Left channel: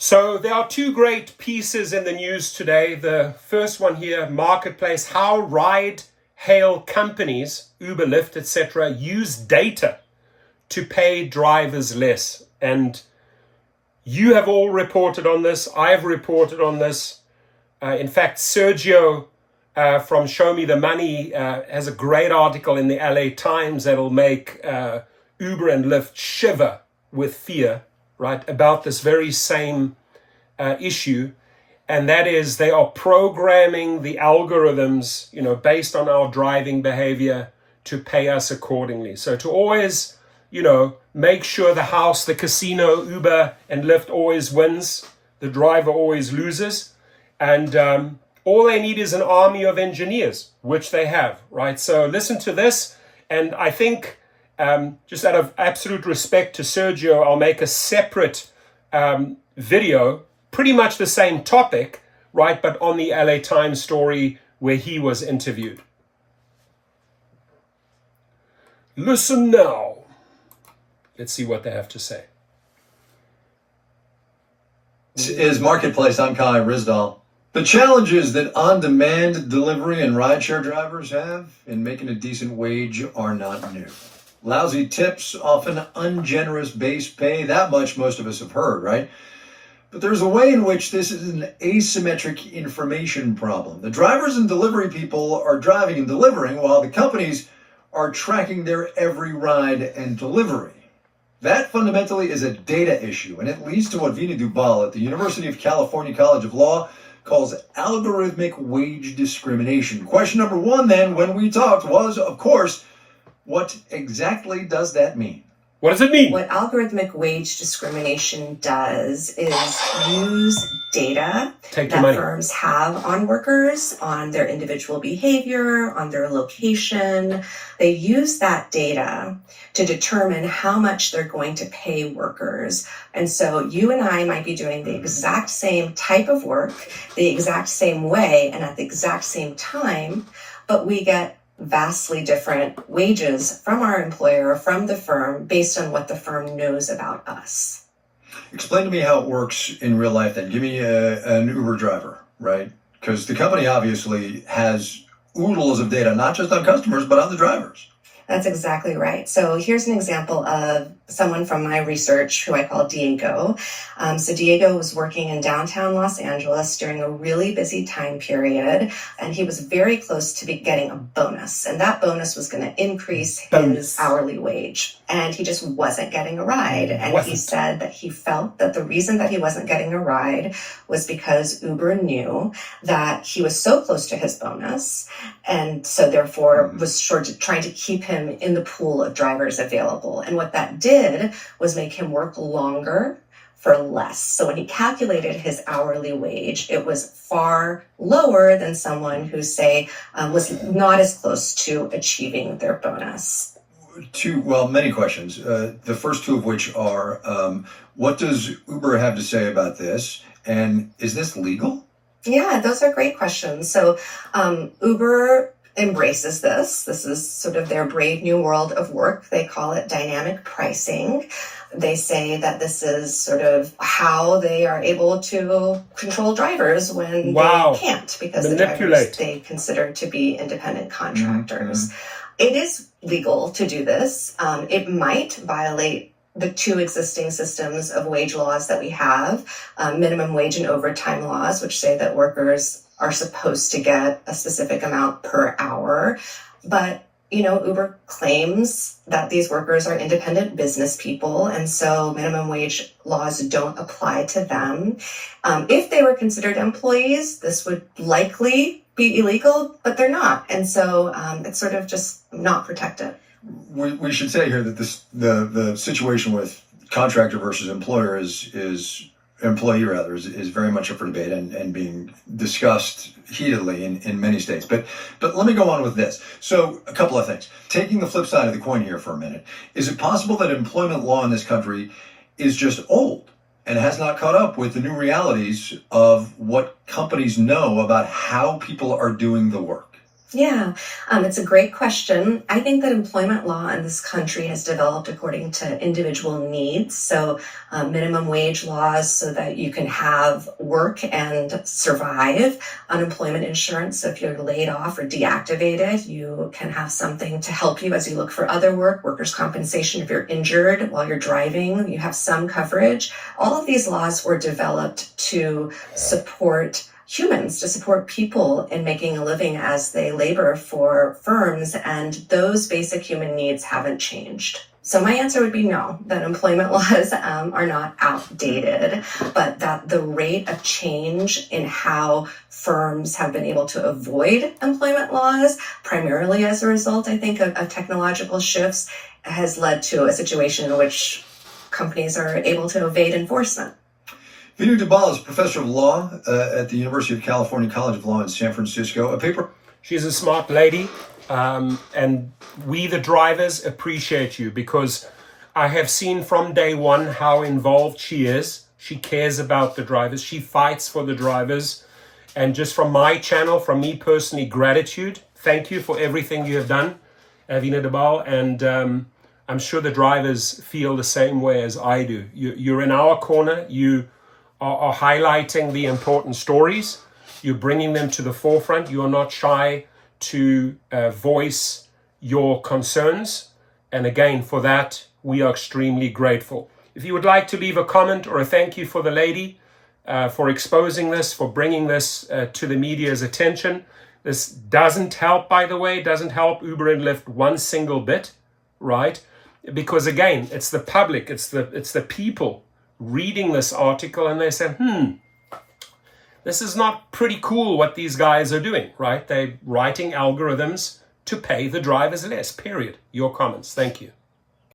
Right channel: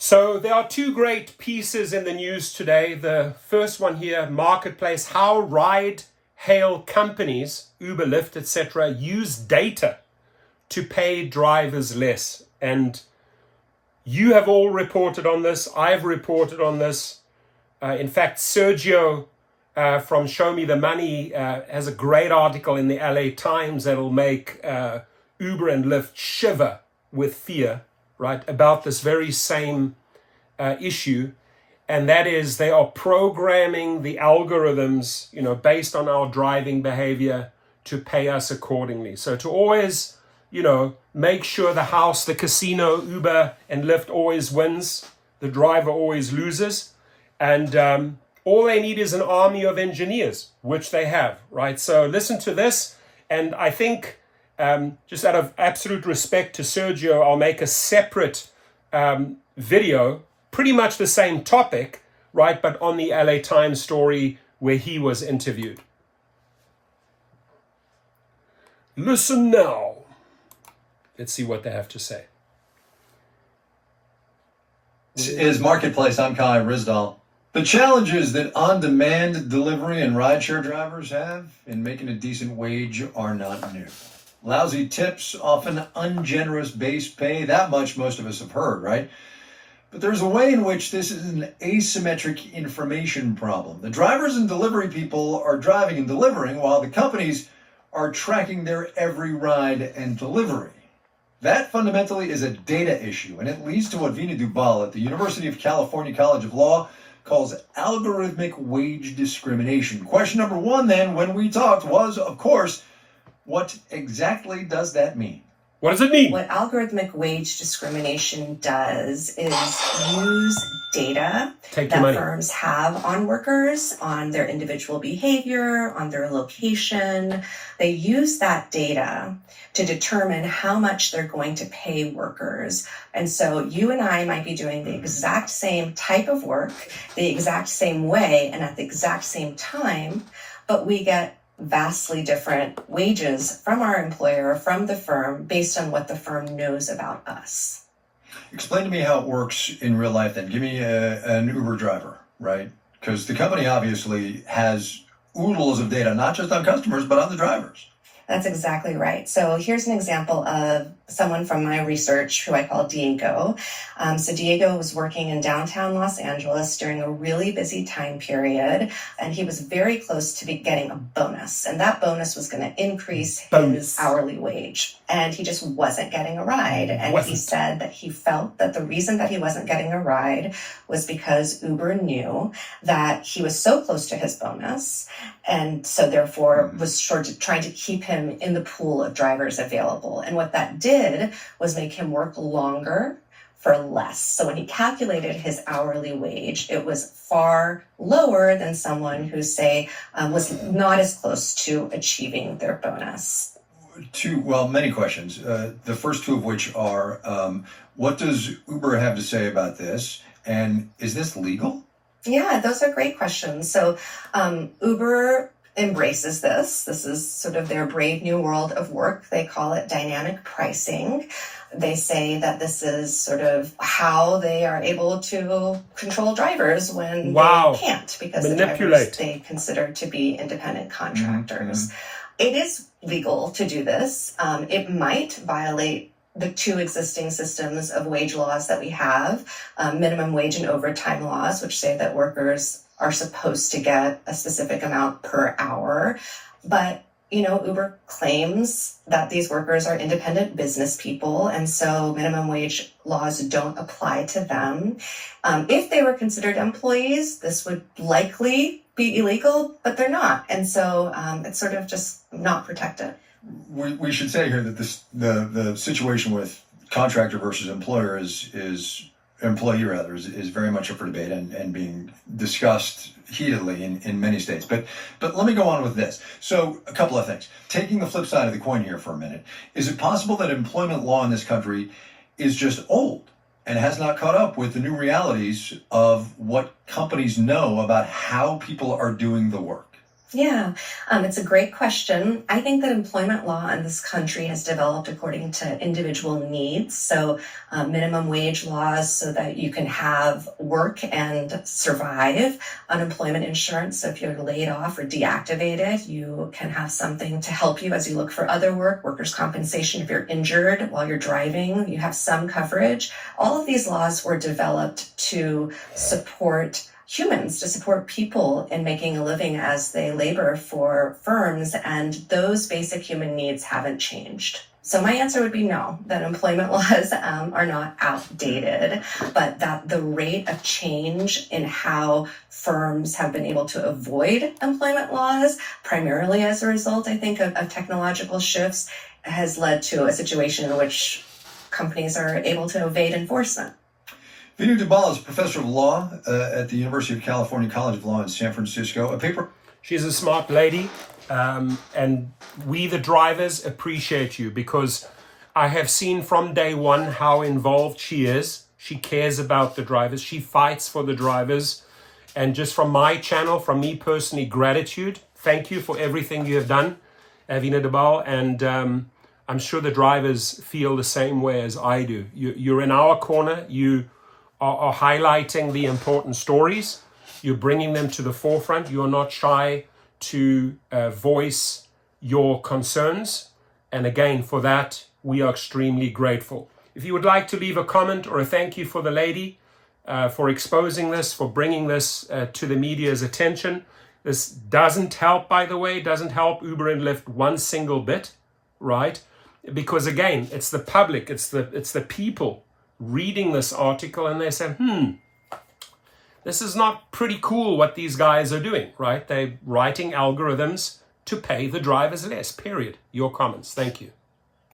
So there are two great pieces in the news today. The first one here, Marketplace, how ride-hail companies, Uber, Lyft, etc., use data to pay drivers less. And you have all reported on this. I've reported on this. In fact, Sergio from Show Me the Money has a great article in the LA Times that'll make Uber and Lyft shiver with fear, right, about this very same issue. And that is they are programming the algorithms, based on our driving behavior to pay us accordingly. So to always, make sure the house, the casino, Uber and Lyft always wins, the driver always loses. And all they need is an army of engineers, which they have, right? So listen to this. And I think just out of absolute respect to Sergio, I'll make a separate video, pretty much the same topic, right? But on the LA Times story where he was interviewed. Listen now. Let's see what they have to say. This is Marketplace. I'm Kai Rizdal. The challenges that on-demand delivery and rideshare drivers have in making a decent wage are not new. Lousy tips, often ungenerous base pay, that much most of us have heard, right? But there's a way in which this is an asymmetric information problem. The drivers and delivery people are driving and delivering while the companies are tracking their every ride and delivery. That fundamentally is a data issue, and it leads to what Vina Dubal at the University of California College of Law calls algorithmic wage discrimination. Question number one then, when we talked, was, of course, what exactly does that mean? What does it mean? What algorithmic wage discrimination does is use data that firms have on workers, on their individual behavior, on their location. They use that data to determine how much they're going to pay workers. And so you and I might be doing the exact same type of work, the exact same way, and at the exact same time, but we get vastly different wages from our employer, from the firm, based on what the firm knows about us. Explain to me how it works in real life then. Give me an Uber driver, right? Because the company obviously has oodles of data, not just on customers, but on the drivers. That's exactly right. So here's an example of someone from my research who I call Diego. So Diego was working in downtown Los Angeles during a really busy time period, and he was very close to getting a bonus. And that bonus was going to increase his hourly wage. And he just wasn't getting a ride. And he said that he felt that the reason that he wasn't getting a ride was because Uber knew that he was so close to his bonus, and so therefore was sort of trying to keep him in the pool of drivers available. And what that did was make him work longer for less. So when he calculated his hourly wage, it was far lower than someone who, say, was not as close to achieving their bonus. Many questions. The first two of which are, what does Uber have to say about this? And is this legal? Yeah, those are great questions. So Uber embraces this. This is sort of their brave new world of work. They call it dynamic pricing. They say that this is sort of how they are able to control drivers when they can't, because the drivers they consider to be independent contractors. It is legal to do this. It might violate the two existing systems of wage laws that we have, minimum wage and overtime laws, which say that workers are supposed to get a specific amount per hour. But, Uber claims that these workers are independent business people, and so minimum wage laws don't apply to them. If they were considered employees, this would likely be illegal, but they're not. And so it's sort of just not protected. We should say here that the situation with contractor versus employer is very much up for debate and being discussed heatedly in many states. But let me go on with this. So a couple of things. Taking the flip side of the coin here for a minute, is it possible that employment law in this country is just old and has not caught up with the new realities of what companies know about how people are doing the work? Yeah, it's a great question. I think that employment law in this country has developed according to individual needs. So, minimum wage laws so that you can have work and survive. Unemployment insurance, so if you're laid off or deactivated, you can have something to help you as you look for other work. Workers' compensation, if you're injured while you're driving, you have some coverage. All of these laws were developed to support humans, to support people in making a living as they labor for firms, and those basic human needs haven't changed. So my answer would be no, that employment laws are not outdated, but that the rate of change in how firms have been able to avoid employment laws, primarily as a result, I think, of technological shifts, has led to a situation in which companies are able to evade enforcement. Vina Dubal is professor of law at the University of California College of Law in San Francisco. She's a smart lady, and we, the drivers, appreciate you because I have seen from day one how involved she is. She cares about the drivers. She fights for the drivers. And just from my channel, from me personally, gratitude. Thank you for everything you have done, Vina Dubal. And I'm sure the drivers feel the same way as I do. You're in our corner. You are highlighting the important stories. You're bringing them to the forefront. You are not shy to voice your concerns. And again, for that, we are extremely grateful. If you would like to leave a comment or a thank you for the lady for exposing this, for bringing this to the media's attention. This doesn't help, by the way, doesn't help Uber and Lyft one single bit, right? Because again, it's the public, it's the people reading this article and they say, this is not pretty cool what these guys are doing, right? They're writing algorithms to pay the drivers less, period. Your comments. Thank you.